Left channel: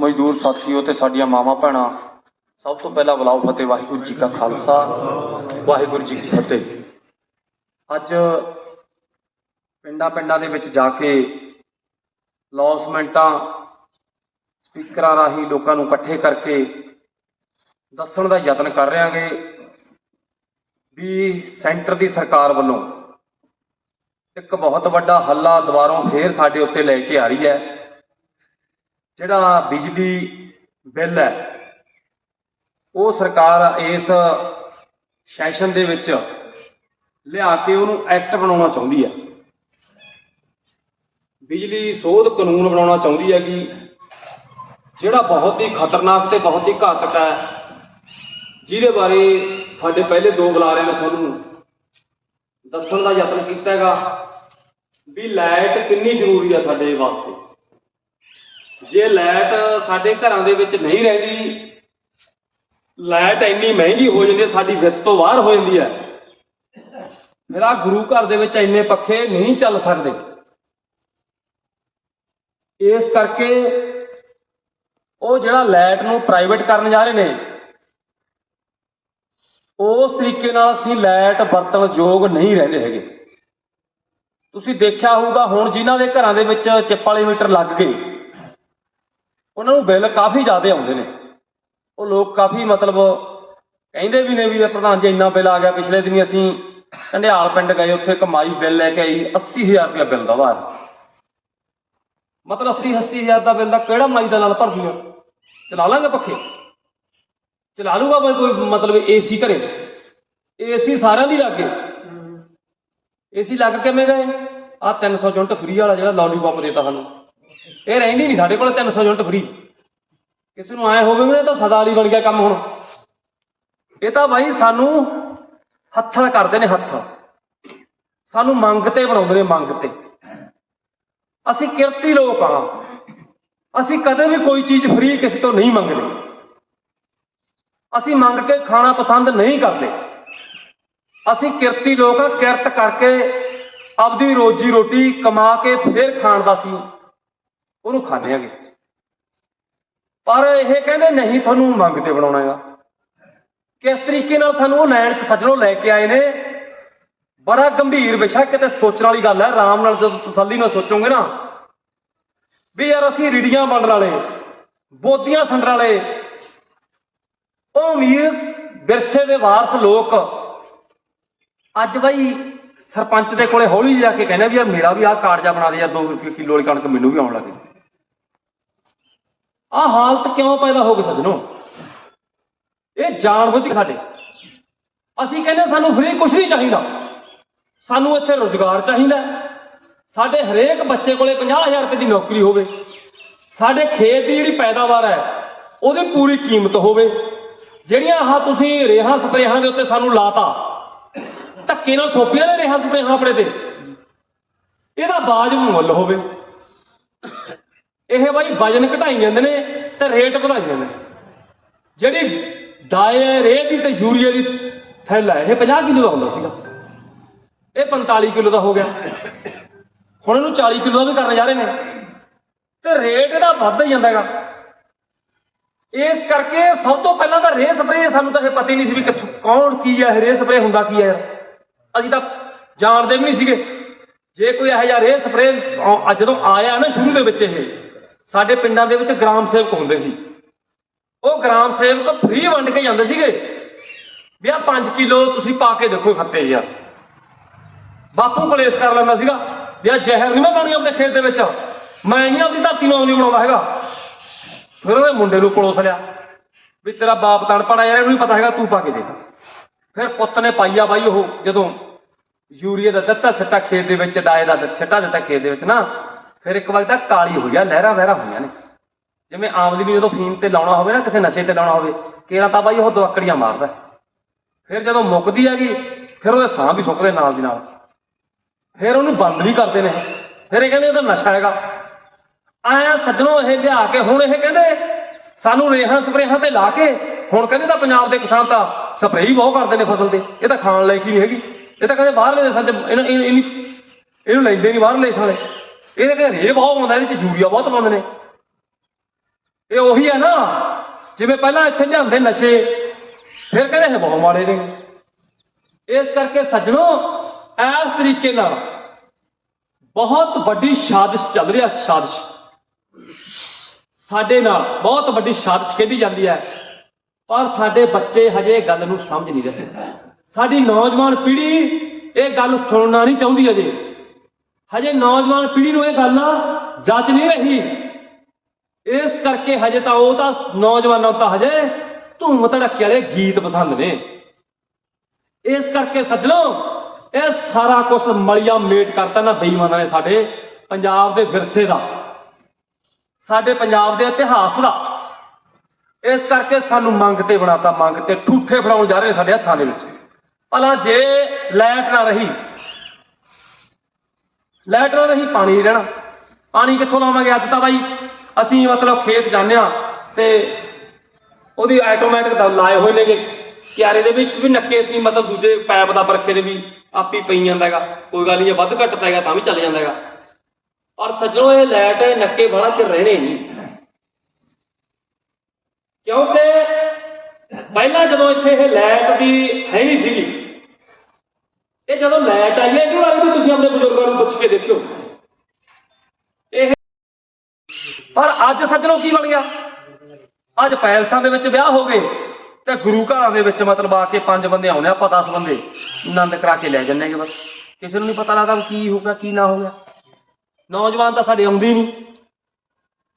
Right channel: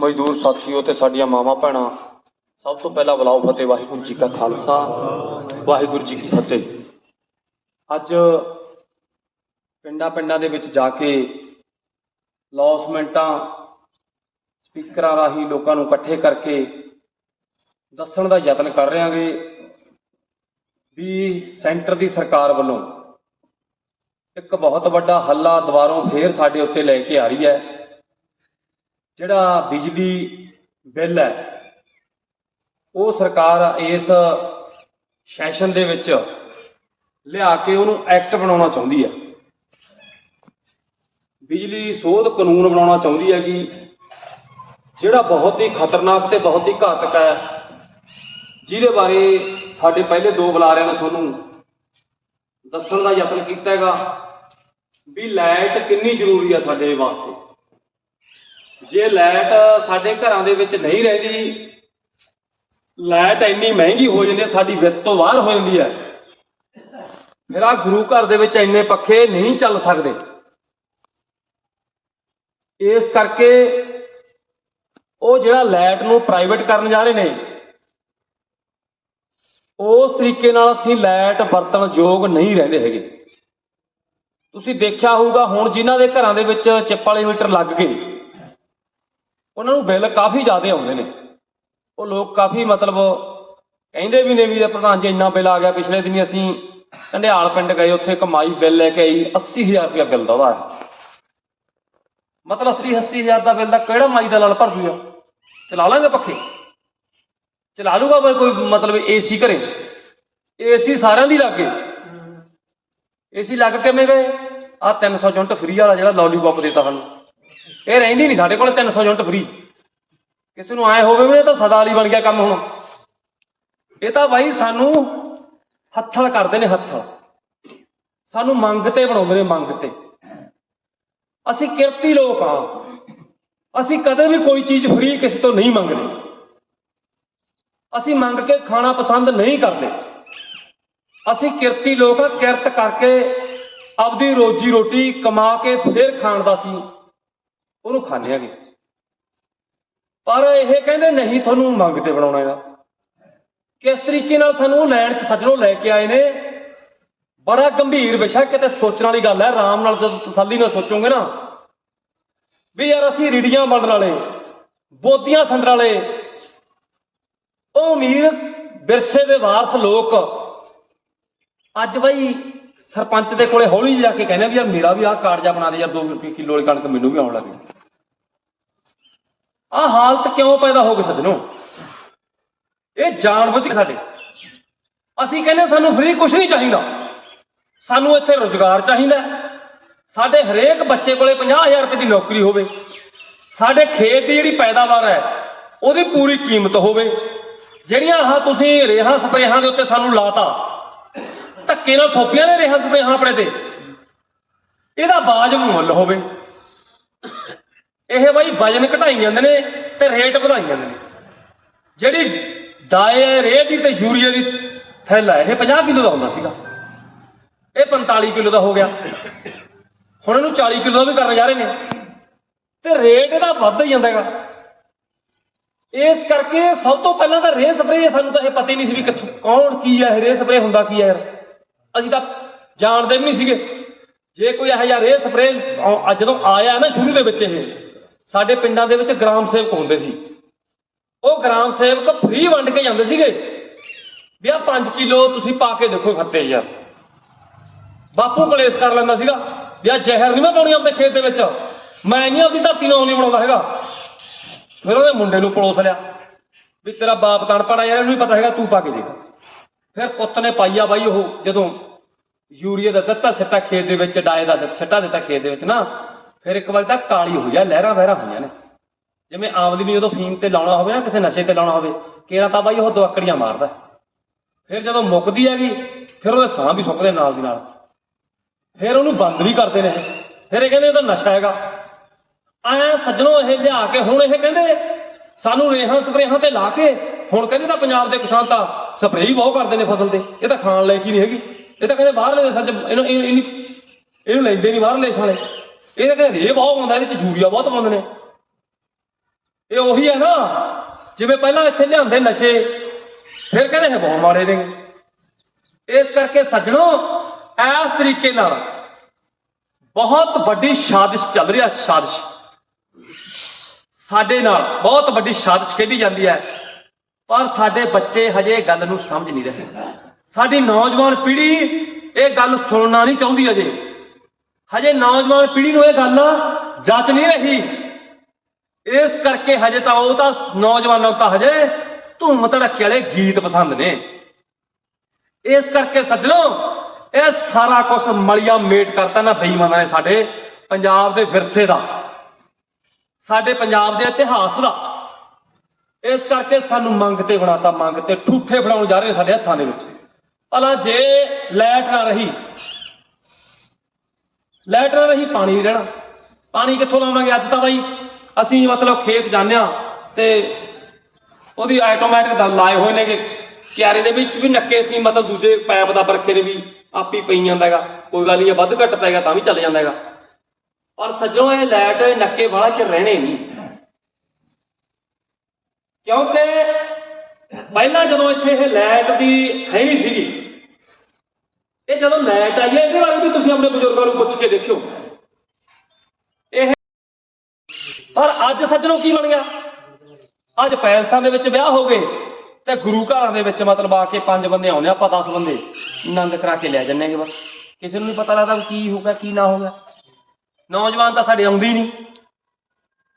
ਮਜ਼ਦੂਰ ਸਾਥੀਓ ਤੇ ਸਾਡੀਆਂ ਮਾਵਾਂ ਭੈਣਾਂ, ਸਭ ਤੋਂ ਪਹਿਲਾਂ ਬੁਲਾਓ ਫਤਿਹ, ਵਾਹਿਗੁਰੂ ਜੀ ਕਾ ਖਾਲਸਾ, ਵਾਹਿਗੁਰੂ ਜੀ ਕੀ ਫਤਿਹ। ਅੱਜ ਪਿੰਡਾਂ ਪਿੰਡਾਂ ਦੇ ਵਿੱਚ ਜਾ ਕੇ ਲੌਸਮੈਂਟਾਂ, ਸਪੀਕਰਾਂ ਰਾਹੀਂ ਲੋਕਾਂ ਨੂੰ ਇਕੱਠੇ ਕਰਕੇ ਦੱਸਣ ਦਾ ਯਤਨ ਕਰ ਰਹੇ ਵੀ ਸੈਂਟਰ ਦੀ ਸਰਕਾਰ ਵੱਲੋਂ ਇੱਕ ਬਹੁਤ ਵੱਡਾ ਹੱਲਾ ਦੁਬਾਰੋਂ ਫੇਰ ਸਾਡੇ ਉੱਤੇ ਲੈ ਕੇ ਆ ਰਹੀ ਹੈ। ਜਿਹੜਾ ਬਿਜਲੀ ਬਿੱਲ ਹੈ, ਉਹ ਸਰਕਾਰ ਇਸ ਸੈਸ਼ਨ ਦੇ ਵਿੱਚ ਲਿਆ ਕੇ ਉਹਨੂੰ ਐਕਟ ਬਣਾਉਣਾ ਚਾਹੁੰਦੀ ਹੈ। ਬਿਜਲੀ ਸੋਧ ਕਾਨੂੰਨ ਬਣਾਉਣਾ ਚਾਹੁੰਦੀ ਹੈ ਕਿ ਜਿਹੜਾ ਬਹੁਤ ਹੀ ਖਤਰਨਾਕ ਤੇ ਬਹੁਤ ਹੀ ਘਾਤਕ ਹੈ, ਜਿਹਦੇ ਬਾਰੇ ਸਾਡੇ ਪਹਿਲੇ ਦੋ ਬੁਲਾਰਿਆਂ ਨੇ ਤੁਹਾਨੂੰ ਦੱਸਣ ਦਾ ਯਤਨ ਕੀਤਾ ਹੈਗਾ ਵੀ ਲਾਈਟ ਕਿੰਨੀ ਜ਼ਰੂਰੀ ਆ ਸਾਡੇ ਵਾਸਤੇ। ਜੇ ਲਾਈਟ ਸਾਡੇ ਘਰਾਂ ਦੇ ਵਿੱਚ ਨਹੀਂ ਰਹਿੰਦੀ, ਲਾਈਟ ਇੰਨੀ ਮਹਿੰਗੀ ਹੋ ਜਾਂਦੀ, ਸਾਡੀ ਵਿੱਤ ਤੋਂ ਬਾਹਰ ਹੋ ਜਾਂਦੀ ਹੈ। ਮੇਰਾ ਗੁਰੂ ਘਰ ਦੇ ਵਿੱਚ ਇੰਨੇ ਪੱਖੇ ਨਹੀਂ ਚੱਲ ਸਕਦੇ। ਇਸ ਕਰਕੇ ਉਹ ਜਿਹੜਾ ਲਾਈਟ ਨੂੰ ਪ੍ਰਾਈਵੇਟ ਕਰਨ ਜਾ ਰਹੇ ਨੇ, ਉਸ ਤਰੀਕੇ ਨਾਲ ਅਸੀਂ ਲਾਈਟ ਵਰਤਣ ਯੋਗ ਨਹੀਂ ਰਹਿੰਦੇ ਹੈਗੇ। ਤੁਸੀਂ ਦੇਖਿਆ ਹੋਊਗਾ, ਹੁਣ ਜਿਨ੍ਹਾਂ ਦੇ ਘਰਾਂ ਦੇ ਵਿੱਚ ਚਿੱਪ ਵਾਲੇ ਮੀਟਰ ਲੱਗ ਗਏ ਉਹਨਾਂ ਨੂੰ ਬਿੱਲ ਕਾਫੀ ਜ਼ਿਆਦਾ ਆਉਂਦੇ ਨੇ। ਉਹ ਲੋਕ ਕਾਫੀ ਮਤਲਬ ਕਹਿੰਦੇ ਵੀ ਨੇ ਵੀ ਪ੍ਰਧਾਨ ਜੀ ਇੰਨਾ ਬਿੱਲ ਆ ਗਿਆ, ਪਿਛਲੇ ਦਿਨੀ ਅਸੀਂ ਕੰਡਿਆਲ ਪਿੰਡ ਗਏ, ਉੱਥੇ ਕਮਾਈ ਬਿੱਲ ਲੈ ਕੇ ਆਈ 80000 ਰੁਪਇਆ ਬਿੱਲ ਦਾ ਉਹਦਾ ਮਤਲਬ 80 80000 ਦਾ ਬਿੱਲ ਦਾ ਕਿਹੜਾ ਮਾਈ ਦਾ ਲੜ ਭਰ ਦੂਗਾ ਚਲਾ ਲਾਂਗੇ ਪੱਖੇ? ਚਲਾ ਲੂਗਾ ਬਈ ਕੋਈ ਮਤਲਬ ਏਸੀ ਘਰੇ? ਏਸੀ ਸਾਰਿਆਂ ਦੀ ਲੱਗ ਗਏ ਏਸੀ ਲੱਗ ਕਿਵੇਂ ਗਏ? ਆ 300 ਯੂਨਿਟ ਫ੍ਰੀ ਵਾਲਾ ਜਿਹੜਾ ਲੌਲੀਪੌਪ ਦੇਤਾ ਸਾਨੂੰ। ਇਹ ਰਹਿੰਦੀ ਨਹੀਂ ਸਾਡੇ ਕੋਲ 300 ਯੂਨਿਟ ਫ੍ਰੀ ਕਿਸੇ ਨੂੰ ਆਏ ਹੋਵੇ ਵੀ ਇਹ ਤਾਂ ਸਦਾ ਲਈ ਬਣ ਗਿਆ ਕੰਮ ਹੁਣ। ਇਹ ਤਾਂ ਬਾਈ ਸਾਨੂੰ ਹੱਥਾਂ ਕਰਦੇ ਨੇ ਹੱਥ। ਸਾਨੂੰ ਮੰਗ ਤੇ ਬਣਾਉਂਦੇ ਨੇ ਮੰਗ ਤੇ। ਅਸੀਂ ਕਿਰਤੀ ਲੋਕ ਆ। ਅਸੀਂ ਕਦੇ ਵੀ ਕੋਈ ਚੀਜ਼ ਫਰੀ ਕਿਸੇ ਤੋਂ ਨਹੀਂ ਮੰਗਦੇ। ਅਸੀਂ ਮੰਗ ਕੇ ਖਾਣਾ ਪਸੰਦ ਨਹੀਂ ਕਰਦੇ। ਅਸੀਂ ਕਿਰਤੀ ਲੋਕ ਆ, ਕਿਰਤ ਕਰਕੇ ਆਪਦੀ ਰੋਜੀ ਰੋਟੀ ਕਮਾ ਕੇ ਫੇਰ ਖਾਣ ਦਾ ਸੀ। ਉਹਨੂੰ ਖਾਂਦੇ ਆਂਗੇ। ਪਰ ਇਹ ਕਹਿੰਦੇ ਨਹੀਂ ਤੁਹਾਨੂੰ ਮੰਗ ਤੇ ਬਣਾਉਣਾ ਹੈਗਾ। ਕਿਸ ਤਰੀਕੇ ਨਾਲ ਸਾਨੂੰ ਉਹ ਲੈਣ 'ਚ ਸੱਜਣੋਂ ਲੈ ਕੇ ਆਏ ਨੇ, ਬੜਾ ਗੰਭੀਰ ਵਿਸ਼ਾ, ਕਿਤੇ ਸੋਚਣ ਵਾਲੀ ਗੱਲ ਹੈ ਆਰਾਮ ਨਾਲ ਜਦੋਂ ਤਸੱਲੀ ਨਾਲ ਸੋਚੋਗੇ ਨਾ, ਵੀ ਯਾਰ ਅਸੀਂ ਰੀੜੀਆਂ ਵੰਡਣ ਵਾਲੇ, ਬੋਧੀਆਂ ਸੰਡਰ ਵਾਲੇ, ਉਹ ਅਮੀਰ ਵਿਰਸੇ ਦੇ ਵਾਰਸ ਲੋਕ, ਅੱਜ ਬਈ ਸਰਪੰਚ ਦੇ ਕੋਲੇ ਹੌਲੀ ਜਾ ਕੇ ਕਹਿੰਦੇ ਵੀ ਯਾਰ ਮੇਰਾ ਵੀ ਆਹ ਕਾਰਡ ਬਣਾ ਦੇ, ਯਾਰ 2 ਰੁਪਏ ਕਿਲੋ ਵਾਲੀ ਕਣਕ ਮੈਨੂੰ ਵੀ ਆਉਣ ਲੱਗੀ ਆਹ ਹਾਲਤ ਕਿਉਂ ਪੈਦਾ ਹੋ ਗਈ ਸੱਜਣੋ ਇਹ ਜਾਣਬੁੱਝ ਕੇ ਸਾਡੇ। ਅਸੀਂ ਕਹਿੰਦੇ ਸਾਨੂੰ ਫ੍ਰੀ ਕੁਝ ਨਹੀਂ ਚਾਹੀਦਾ। ਸਾਨੂੰ ਇੱਥੇ ਰੋਜ਼ਗਾਰ ਚਾਹੀਦਾ ਸਾਡੇ ਹਰੇਕ ਬੱਚੇ ਕੋਲੇ 50000 ਰੁਪਏ ਦੀ ਨੌਕਰੀ ਹੋਵੇ। ਸਾਡੇ ਖੇਤ ਦੀ ਜਿਹੜੀ ਪੈਦਾਵਾਰ ਹੈ, ਉਹਦੀ ਪੂਰੀ ਕੀਮਤ ਹੋਵੇ। ਜਿਹੜੀਆਂ ਆਹ ਤੁਸੀਂ ਰੇਹਾਂ ਸਪਰੇਹਾਂ ਦੇ ਉੱਤੇ ਸਾਨੂੰ ਲਾਤਾ, ਧੱਕੇ ਨਾਲ ਥੋਪੀਆਂ ਨੇ ਰੇਹਾਂ ਸਪਰੇਹਾਂ ਆਪਣੇ ਤੇ। ਇਹਦਾ ਬਾਜਬ ਮੁੱਲ ਹੋਵੇ। ਇਹ ਬਾਈ ਵਜਨ ਘਟਾਈ ਜਾਂਦੇ ਨੇ ਤੇ ਰੇਟ ਵਧਾਈ ਜਾਂਦੇ ਨੇ। ਜਿਹੜੀ ਡਾਏ ਰੇਹ ਦੀ ਤੇ ਯੂਰੀਆ ਦੀ ਥੈਲਾ, ਇਹ 50 ਕਿਲੋ ਦਾ ਹੁੰਦਾ ਸੀਗਾ। ਇਹ 45 ਕਿਲੋ ਦਾ ਹੋ ਗਿਆ। ਹੁਣ ਇਹਨੂੰ 40 ਕਿਲੋ ਦਾ ਵੀ ਕਰਨ ਜਾ ਰਹੇ ਨੇ। ਤੇ ਰੇਟ ਇਹਦਾ ਵੱਧਦਾ ਹੀ ਜਾਂਦਾ ਹੈਗਾ। ਇਸ ਕਰਕੇ ਸਭ ਤੋਂ ਪਹਿਲਾਂ ਤਾਂ ਰੇਹ ਸਪਰੇਅ ਸਾਨੂੰ ਤਾਂ ਇਹ ਪਤਾ ਹੀ ਨਹੀਂ ਸੀ ਵੀ ਕਿੱਥੋਂ ਕੌਣ ਕੀ ਹੈ, ਇਹ ਰੇਹ ਸਪਰੇਅ ਹੁੰਦਾ ਕੀ ਹੈ। ਅਸੀਂ ਤਾਂ ਜਾਣਦੇ ਵੀ ਨਹੀਂ ਸੀਗੇ। ਜੇ ਕੋਈ ਇਹੋ ਜਿਹਾ ਰੇਹ ਸਪਰੇਅ ਜਦੋਂ ਆਇਆ ਨਾ ਸ਼ੁਰੂ ਦੇ ਵਿੱਚ ਇਹ ਸਾਡੇ ਪਿੰਡਾਂ ਦੇ ਵਿੱਚ ਗ੍ਰਾਮ ਸੇਵਕ ਹੁੰਦੇ ਸੀ। ਉਹ ਗ੍ਰਾਮ ਸੇਵਕ ਫ੍ਰੀ ਵੰਡ ਕੇ ਜਾਂਦੇ ਸੀਗੇ। ਵੀ ਆ 5 ਕਿਲੋ ਤੁਸੀਂ ਪਾ ਕੇ ਦੇਖੋ ਖੱਤੇ ਯਾਰ ਬਾਪੂ ਕਲੇਸ਼ ਕਰ ਲੈਂਦਾ ਸੀਗਾ, ਵੀ ਆ ਜ਼ਹਿਰ ਨਹੀਂ ਮੈਂ ਪਾਉਣੀ ਆਪਣੇ ਖੇਤ ਦੇ ਵਿੱਚ। ਮੈਂ ਨਹੀਂ ਆਪਦੀ ਧਰਤੀ ਨੂੰ ਨਹੀਂ ਬਣਾਉਂਦਾ ਹੈਗਾ। ਫਿਰ ਉਹਦੇ ਮੁੰਡੇ ਨੂੰ ਪਲੋਸ ਲਿਆ। ਵੀ ਤੇਰਾ ਬਾਪ ਤਣ ਪੜਾ ਯਾਰ, ਇਹਨੂੰ ਵੀ ਪਤਾ ਹੈਗਾ, ਤੂੰ ਪਾ ਕੇ ਦੇਖ। ਫਿਰ ਪੁੱਤ ਨੇ ਪਾਈਆ ਬਾਈ ਉਹ, ਜਦੋਂ ਯੂਰੀਆ ਦਾ ਦਿੱਤਾ, ਸਿੱਟਾ ਖੇਤ ਦੇ ਵਿੱਚ, ਡਾਏ ਦਾ ਸਿੱਟਾ ਦਿੱਤਾ ਖੇਤ ਦੇ ਵਿੱਚ ਨਾ। ਫਿਰ ਇੱਕ ਵਾਰ ਤਾਂ ਕਾਲੀ ਹੋਈ ਆ, ਲਹਿਰਾਂ ਵਹਿਰਾਂ ਹੋਈਆਂ ਨੇ। ਜਿਵੇਂ ਆਮਦਨੀ ਜਦੋਂ ਫੀਮ ਤੇ ਲਾਉਣਾ ਹੋਵੇ ਨਾ, ਕਿਸੇ ਨਸ਼ੇ ਤੇ ਲਾਉਣਾ ਹੋਵੇ, ਕੇਰਾ ਤਾਂ ਬਾਈ ਉਹ ਦਵਕੜੀਆਂ ਮਾਰਦਾ। ਫਿਰ ਜਦੋਂ ਮੁੱਕਦੀ ਹੈਗੀ, ਫਿਰ ਉਹਦੇ ਸਾਹ ਵੀ ਸੁੱਕਦੇ ਨਾਲ ਦੀ ਨਾਲ। ਫਿਰ ਉਹਨੂੰ ਬੰਦ ਵੀ ਕਰਦੇ ਨੇ। ਫਿਰ ਇਹ ਕਹਿੰਦੇ ਇਹ ਤਾਂ ਨਸ਼ਾ ਹੈਗਾ। ਐ ਸੱਜਣੋ ਇਹ ਲਿਆ ਕੇ ਹੁਣ ਇਹ ਕਹਿੰਦੇ, ਸਾਨੂੰ ਰੇਹਾਂ ਸਪਰੇਹਾਂ ਤੇ ਲਾ ਕੇ, ਹੁਣ ਕਹਿੰਦੇ ਤਾਂ ਪੰਜਾਬ ਦੇ ਕਿਸਾਨ ਤਾਂ ਸਪਰੇਅ ਹੀ ਬਹੁਤ ਕਰਦੇ ਨੇ ਫਸਲ ਤੇ। ਇਹ ਤਾਂ ਖਾਣ ਲਾਇਕ ਹੀ ਨਹੀਂ ਹੈਗੀ। ਇਹ ਤਾਂ ਕਹਿੰਦੇ ਬਾਹਰਲੇ ਦੇਸ਼ਾਂ 'ਚ ਇਹਨੂੰ ਇਹਨੂੰ ਇਹਨੂੰ ਲੈਂਦੇ ਨਹੀਂ ਬਾਹਰਲੇ ਦੇਸ਼ਾਂ ਵਾਲੇ। ਇਹ ਤਾਂ ਕਹਿੰਦੇ ਰੇਹ ਬਹੁਤ ਪਾਉਂਦਾ ਇਹਦੇ 'ਚ ਯੂਰੀਆ ਬਹੁਤ ਪਾਉਂਦੇ ਨੇ। ਇਹ ਉਹੀ ਹੈ ਨਾ, ਜਿਵੇਂ ਪਹਿਲਾਂ ਇੱਥੇ ਲਿਆਂਦੇ ਨਸ਼ੇ, ਫਿਰ ਕਹਿੰਦੇ ਇਹ ਬਹੁਤ ਮਾੜੇ ਨੇ। ਇਸ ਕਰਕੇ ਸੱਜਣੋ, ਇਸ ਤਰੀਕੇ ਨਾਲ ਬਹੁਤ ਵੱਡੀ ਸਾਜ਼ਿਸ਼ ਚੱਲ ਰਹੀ ਹੈ ਸਾਜ਼ਿਸ਼। ਸਾਡੇ ਨਾਲ ਬਹੁਤ ਵੱਡੀ ਸਾਜ਼ਿਸ਼ ਖੇਡੀ ਜਾਂਦੀ ਹੈ, ਪਰ ਸਾਡੇ ਬੱਚੇ ਹਜੇ ਇਹ ਗੱਲ ਨੂੰ ਸਮਝ ਨਹੀਂ ਰਹੇ। ਸਾਡੀ ਨੌਜਵਾਨ ਪੀੜ੍ਹੀ ਇਹ ਗੱਲ ਸੁਣਨਾ ਨਹੀਂ ਚਾਹੁੰਦੀ ਅਜੇ ਹਜੇ ਨੌਜਵਾਨ ਪੀੜ੍ਹੀ ਨੂੰ ਇਹ ਗੱਲ ਜੱਚ ਨਹੀਂ ਰਹੀ। ਇਸ ਕਰਕੇ ਹਜੇ ਤਾਂ ਉਹ ਤਾਂ ਨੌਜਵਾਨਾਂ ਨੂੰ ਤਾਂ ਹਜੇ ਧੂਮ ਧੜਕੇ ਵਾਲੇ ਗੀਤ ਪਸੰਦ ਨੇ। ਇਸ ਕਰਕੇ ਸੱਜਣੋ, ਇਹ ਸਾਰਾ ਕੁਝ ਮਲਿਆ ਮੇਟ ਕਰਤਾ ਨਾ ਬੇਈਮਾਨਾਂ ਨੇ ਸਾਡੇ ਪੰਜਾਬ ਦੇ ਵਿਰਸੇ ਦਾ, ਸਾਡੇ ਪੰਜਾਬ ਦੇ ਇਤਿਹਾਸ ਦਾ। ਇਸ ਕਰਕੇ ਸਾਨੂੰ ਮੰਗ ਤੇ ਬਣਾਤਾ, ਮੰਗ ਤੇ ਠੂਠੇ ਫੜਾਉਣ ਜਾ ਰਹੇ ਸਾਡੇ ਹੱਥਾਂ ਦੇ ਵਿੱਚ। ਭਲਾ ਜੇ ਲਾਈਟ ਨਾ ਰਹੀ ਲਾਈਟ ਨਾ ਰਹੀ ਪਾਣੀ ਨਹੀਂ ਰਹਿਣਾ। ਪਾਣੀ ਕਿੱਥੋਂ ਲਾਵਾਂਗੇ ਅੱਜ ਤਾਂ ਬਾਈ? ਅਸੀਂ ਮਤਲਬ ਖੇਤ ਜਾਂਦੇ ਆ ਤੇ ਉਹਦੀ ਆਟੋਮੈਟਿਕ ਦਮ ਲਾਏ ਹੋਏ ਨੇਗੇ। ਕਿਆਰੇ ਦੇ ਵਿੱਚ ਵੀ ਨੱਕੇ ਸੀ, ਮਤਲਬ ਦੂਜੇ ਪੈਪ ਦਾ ਬਰਖੇ ਦੇ ਵੀ ਆਪੀ ਪਈ ਜਾਂਦਾ ਹੈਗਾ। ਕੋਈ ਗੱਲ ਨਹੀਂ ਵੱਧ ਘੱਟ ਪਏਗਾ ਤਾਂ ਵੀ ਚੱਲ ਜਾਂਦਾ ਹੈਗਾ। ਪਰ ਸੱਜਣੋ, ਇਹ ਲਾਈਟ ਨੱਕੇ ਵਾਲਾ ਚ ਰਹਿਣੇ ਨਹੀਂ। ਕਿਉਂਕਿ ਪਹਿਲਾਂ ਜਦੋਂ ਇੱਥੇ ਇਹ ਲਾਈਟ ਦੀ ਹੈ ਨਹੀਂ ਸੀਗੀ ਇਹ ਜਦੋਂ ਲਾਈਟ ਆਈ ਹੈ, ਇਹਦੇ ਬਾਰੇ ਵੀ ਤੁਸੀਂ ਆਪਣੇ ਬਜ਼ੁਰਗਾਂ ਨੂੰ ਪੁੱਛ ਕੇ ਦੇਖਿਓ। ਇਹ ਪਰ ਅੱਜ ਸੱਜਣੋ ਕੀ ਬਣ ਗਿਆ? ਅੱਜ ਪੈਲਸਾਂ ਦੇ ਵਿੱਚ ਵਿਆਹ ਹੋ ਗਏ ਤੇ ਗੁਰੂ ਘਰਾਂ ਦੇ ਵਿੱਚ ਮਤਲਬ ਆ ਕੇ ਪੰਜ ਬੰਦੇ ਆਉਣੇ, ਆਪਾਂ 10 ਬੰਦੇ ਆਨੰਦ ਕਰਾ ਕੇ ਲੈ ਜੰਨੇ ਬਸ। ਕਿਸੇ ਨੂੰ ਨਹੀਂ ਪਤਾ ਲੱਗਦਾ ਕੀ ਹੋ ਗਿਆ, ਕੀ ਨਾ ਹੋ ਗਿਆ। ਨੌਜਵਾਨ ਤਾਂ ਸਾਡੇ ਆਉਂਦੇ ਹੀ ਨਹੀਂ।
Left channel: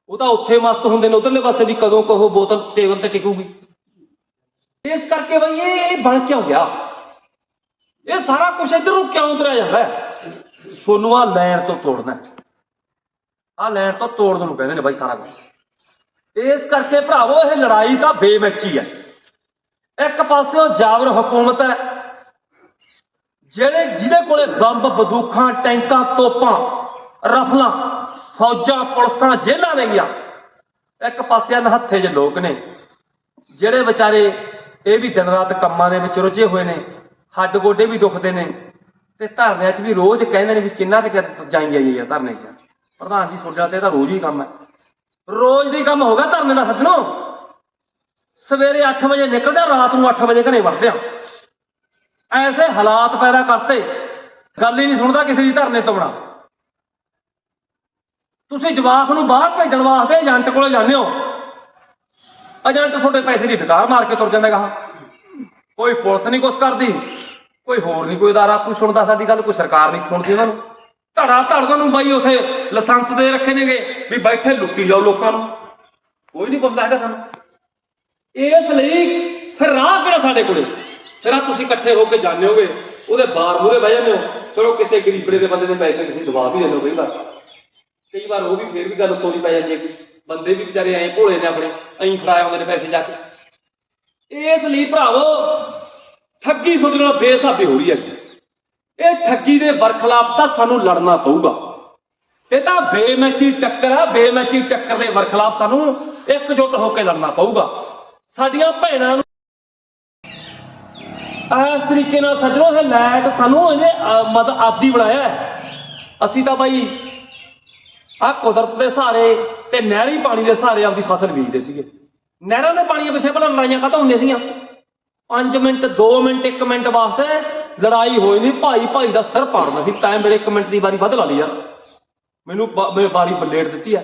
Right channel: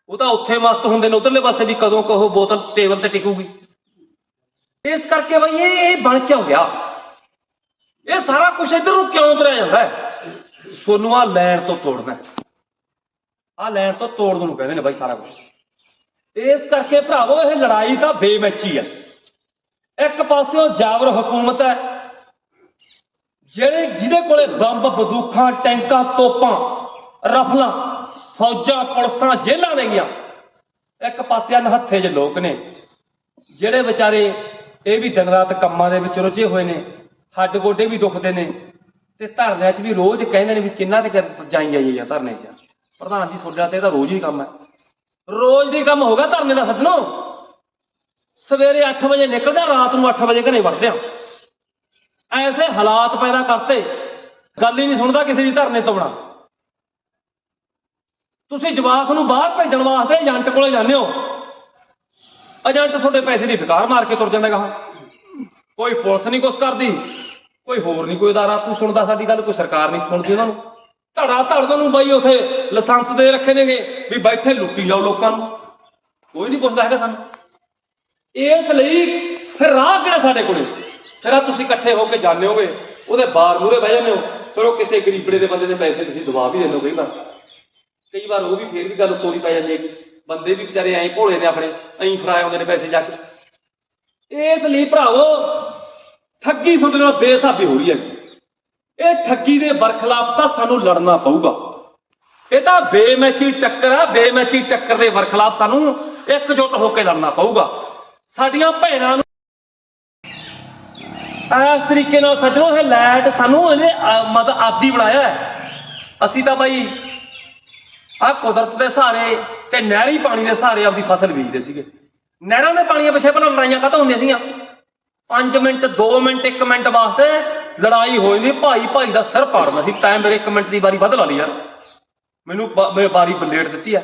ਉਹ ਤਾਂ ਉੱਥੇ ਮਸਤ ਹੁੰਦੇ ਨੇ, ਉਧਰਲੇ ਪਾਸੇ ਵੀ ਕਦੋਂ ਕਹੋ ਬੋਤਲ, ਟੇਬਲ ਤੇ ਟਿਕੂਗੀ। ਇਸ ਕਰਕੇ ਬਈ ਇਹ ਇਹ ਬਣ ਕਿਉਂ ਗਿਆ? ਇਹ ਸਾਰਾ ਕੁਝ ਇੱਧਰ ਨੂੰ ਕਿਉਂ ਉਤਰਿਆ ਜਾਂਦਾ ਹੈ? ਸੋਨੂੰ ਆ ਲੈਣ ਤੋਂ ਤੋੜਨਾ ਆ ਲੈਣ ਤੋਂ ਤੋੜ ਨੂੰ ਕਹਿੰਦੇ ਨੇ ਬਾਈ ਸਾਰਾ ਕੁਝ ਇਸ ਕਰਕੇ ਭਰਾਵੋ, ਇਹ ਲੜਾਈ ਤਾਂ ਬੇਮੈਚੀ ਹੈ। ਇੱਕ ਪਾਸਿਓਂ ਜਾਬਰ ਹਕੂਮਤ ਹੈ, ਜਿਹੜੇ ਜਿਹਦੇ ਕੋਲੇ ਬੰਬ ਬੰਦੂਕਾਂ, ਟੈਂਕਾਂ, ਤੋਪਾਂ, ਰਫਲਾਂ, ਫੌਜਾਂ, ਪੁਲਿਸਾਂ ਜੇਲਾਂ ਨੇਗੀਆਂ ਇੱਕ ਪਾਸੇ ਨਹੱਥੇ ਜੇ ਲੋਕ ਨੇ, ਜਿਹੜੇ ਵਿਚਾਰੇ ਇਹ ਵੀ ਦਿਨ ਰਾਤ ਕੰਮਾਂ ਦੇ ਵਿੱਚ ਰੁੱਝੇ ਹੋਏ ਨੇ। ਹੱਡ ਗੋਡੇ ਵੀ ਦੁਖਦੇ ਨੇ ਤੇ ਧਰਨਿਆਂ 'ਚ ਵੀ ਰੋਜ਼ ਕਹਿੰਦੇ ਨੇ ਵੀ ਕਿੰਨਾ ਕੁ ਚਿਰ ਜਾਈ ਜਾਈਏ ਆ ਧਰਨੇ 'ਚ। ਪ੍ਰਧਾਨ ਜੀ ਤੁਹਾਡਾ ਤੇ ਤਾਂ ਰੋਜ਼ ਹੀ ਕੰਮ ਹੈ। ਰੋਜ਼ ਦੀ ਕੰਮ ਹੋ ਗਿਆ ਧਰਨੇ ਦਾ ਸੱਜਣੋ। ਸਵੇਰੇ 8 ਵਜੇ ਨਿਕਲਦੇ ਆ, ਰਾਤ ਨੂੰ 8 ਵਜੇ ਘਰੇ ਵੜਦੇ ਆ। ਐਸੇ ਹਾਲਾਤ ਪੈਦਾ ਕਰਤੇ। ਗੱਲ ਹੀ ਨਹੀਂ ਸੁਣਦਾ ਕਿਸੇ ਦੀ ਧਰਨੇ ਤੋਂ ਬਣਾ ਤੁਸੀਂ ਜਵਾਕ ਨੂੰ ਬਾਹਰ ਭੇਜਣ ਵਾਸਤੇ ਏਜੰਟ ਕੋਲੇ ਜਾਂਦੇ ਹੋ। ਏਜੰਟ ਤੁਹਾਡੇ ਪੈਸੇ ਦੀ ਡਕਾਰ ਮਾਰ ਕੇ ਤੁਰ ਜਾਂਦਾ ਗਾ ਕੋਈ ਪੁਲਿਸ ਨਹੀਂ ਕੁਛ ਕਰਦੀ, ਕੋਈ ਹੋਰ ਨਹੀਂ ਕੋਈ ਅਦਾਰਾ ਕੋਈ ਸੁਣਦਾ ਸਾਡੀ ਗੱਲ, ਕੋਈ ਸਰਕਾਰ ਨਹੀਂ ਸੁਣਦੀ ਉਹਨਾਂ ਨੂੰ। ਧੜਾ ਧੜ ਨੂੰ ਬਾਈ, ਉਥੇ ਲਾਇਸੈਂਸ ਦੇ ਰੱਖੇ ਨੇਗੇ ਵੀ ਬੈਠੇ ਲੁੱਟੀ ਜਾਓ ਲੋਕਾਂ ਨੂੰ। ਕੋਈ ਨਹੀਂ ਪੁੱਛਦਾ ਹੈਗਾ ਸਾਨੂੰ। ਇਸ ਲਈ ਫਿਰ ਰਾਹ ਕਿਹੜਾ ਸਾਡੇ ਕੋਲੇ? ਫਿਰ ਆ ਤੁਸੀਂ ਇਕੱਠੇ ਹੋ ਕੇ ਜਾਂਦੇ ਹੋਗੇ ਉਹਦੇ ਬਾਰ ਮੂਰੇ ਬਹਿ ਜਾਂਦੇ ਹੋ, ਫਿਰ ਉਹ ਕਿਸੇ ਗਰੀਬੜੇ ਦੇ ਬੰਦੇ ਦੇ ਪੈਸੇ ਤੁਸੀਂ ਦਬਾ ਵੀ ਦਿੰਦੇ ਹੋ ਕਈ ਵਾਰ। ਕਈ ਵਾਰ ਉਹ ਵੀ ਫੇਰ ਵੀ ਗੱਲ ਤੋਰੀ ਪੈ ਜਾਂਦੀ ਹੈ ਕਿ ਬੰਦੇ ਵੀ ਵਿਚਾਰੇ ਐਂ ਭੋਲੇ ਨੇ ਆਪਣੇ, ਐਂ ਫੜਾਏ ਆਉਂਦੇ ਨੇ ਪੈਸੇ ਜਾ ਕੇ। ਇਸ ਲਈ ਭਰਾਵੋ ਠੱਗੀ ਤੁਹਾਡੇ ਨਾਲ ਬੇਸਾਬੀ ਹੋ ਰਹੀ ਹੈ ਇਹ ਠੱਗੀ ਦੇ ਵਰਖਲਾਫ ਤਾਂ ਸਾਨੂੰ ਲੜਨਾ ਪਊਗਾ। ਇਹ ਤਾਂ ਬੇਮੈਚੀ ਟੱਕਰ ਆ ਬੇਮੈਚੀ ਟੱਕਰ ਦੇ ਵਰਖਲਾਫ ਸਾਨੂੰ ਇਕਜੁੱਟ ਹੋ ਕੇ ਲੜਨਾ ਪਊਗਾ। ਸਾਡੀਆਂ ਭੈਣਾਂ ਨੂੰ ਇਸ ਤਰੀਕੇ ਨਾਲ ਸੱਜਣੋ ਇਹ ਲੈਟ ਸਾਨੂੰ ਇਹਨੇ ਅਹ, ਮਤਲਬ ਆਦੀ ਬਣਾਇਆ ਹੈ। ਅਸੀਂ ਤਾਂ ਬਾਈ ਆ ਕੁਦਰਤ ਦੇ ਸਹਾਰੇ ਤੇ ਨਹਿਰੀ ਪਾਣੀ ਦੇ ਸਹਾਰੇ ਆਪਦੀ ਫਸਲ ਬੀਜਦੇ ਸੀਗੇ। ਨਹਿਰਾਂ ਦੇ ਪਾਣੀਆਂ ਪਿੱਛੇ ਭਲਾ ਲੜਾਈਆਂ ਖਤਮ ਹੁੰਦੀਆਂ ਸੀਗੀਆਂ। 5 ਮਿੰਟ 2 ਮਿੰਟ 1 ਮਿੰਟ ਵਾਸਤੇ ਲੜਾਈ ਹੋਈ ਨਹੀਂ ਭਾਈ ਭਾਈ ਦਾ ਸਿਰ ਪਾੜਨਾ ਸੀ। ਟਾਈਮ ਮੇਰੇ 1 ਮਿੰਟ ਦੀ ਵਾਰੀ ਵੱਧ ਲਾ ਲਈ ਯਾਰ। ਮੈਨੂੰ ਮੇਰੇ ਵਾਰੀ ਬਲੇਟ ਦਿੱਤੀ ਆ